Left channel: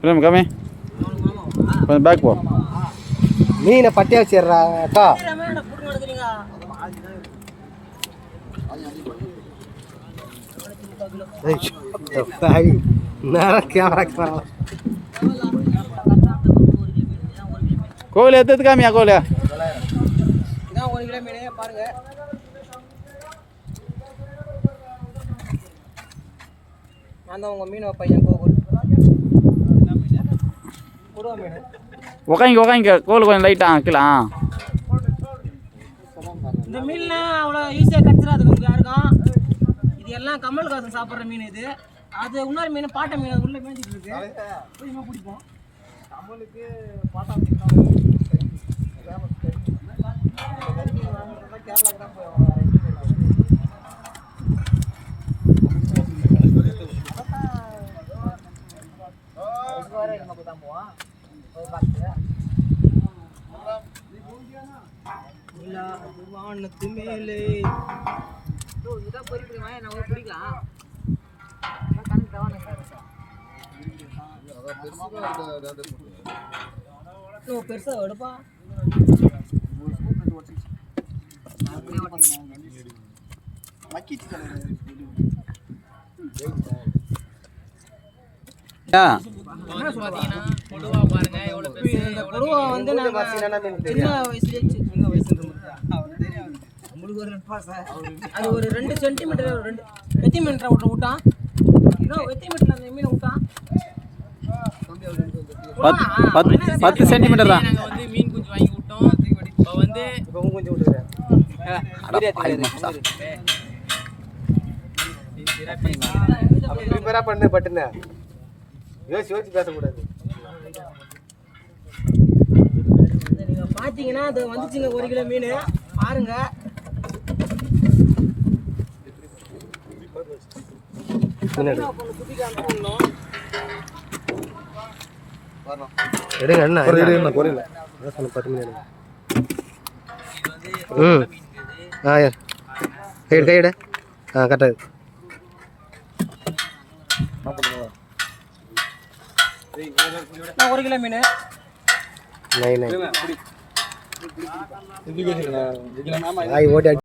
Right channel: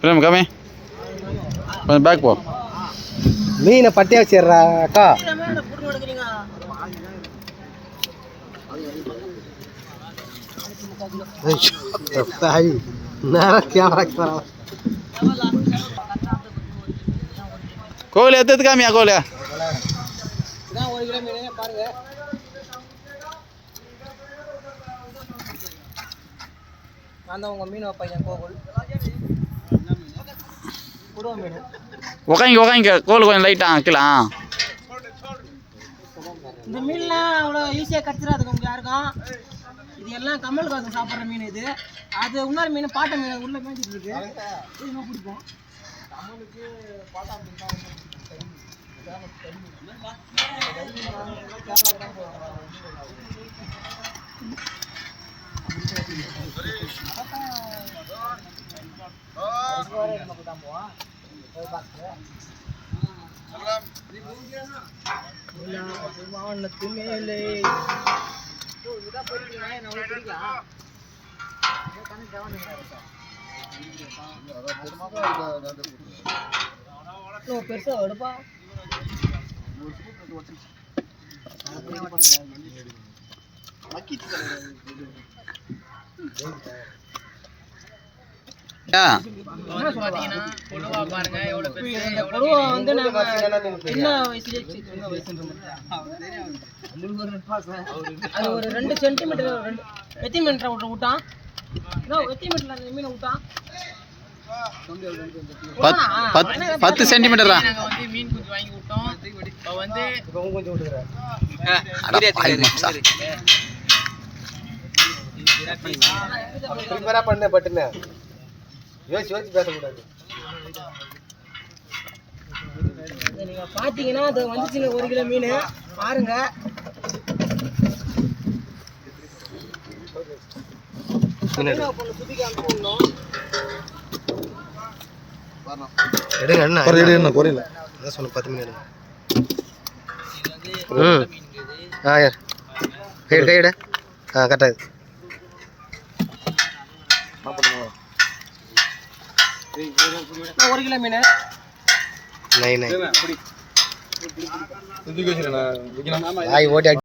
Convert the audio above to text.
Frame கம்மி கொஞ்சம் back போ மீனை பட்டியா வச்சிடுறா அக்கா. கோவில் எத்தது காமியா கோவில் ஒரு கிலோ மீன் பாருங்க. நான் தான் உங்கள் மீன் பையன் கோகுல். உக்காங்க உக்காங்க கோவில் கொஞ்சம் லைட்டாக ஆ இந்த மீன்லாம் அவ்வளோ ஈஸியாக கடிச்சிடாது நமக்கு யாருக்கும். இது எல்லாம் கமல் காசு சாப்பிட்ற மீன் இது. அது இன்னொரு மீன் பாட்டை மீன் உள்ள மேய்ச்சிட்டு இருக்கு. பிடிப்போம் கமலுக்கு பாட்டா மீன் வானத்து மேலே பெருசா எடுப்பா ஆ என்ன சொல்லலாம் இந்த கொடுவா வந்து நம்ம சின்ன வயசுலயே சி- சின்ன வயசுல அது ஒரு ரெண்டு சென்டிமீட்டர் ரெண்டு எத்தனை மீட்டர் விட்டு விட்டான் மீட்டர்ல அந்த மீனை விட்டான் பத் பத் பத்து சென்டிமீட்டர் தான் வந்து மீன் குஞ்சு வாங்கி விட்டோம் இப்போ வந்து இப்போ கொஞ்சம் விட்டுக்கிறேன் பண்ணு பட்டுன்னு. யோசிச்சு யோசிச்சு பேசக்கூடாது. நீங்கள் பார்த்தீங்கன்னா அது வந்துச்சுங்க ஒரு கிலோ மீன். பாருங்க. எடுங்க என்ன? குறையில என்ன? குறையில. அதான் சொன்ன பத்து மணி எடுங்க. ம். ஆ யார் கைடு கைடு ஆ கரெக்டாக ஒரு கிலோ மீன். நை நை. ஆய் ஓட்டி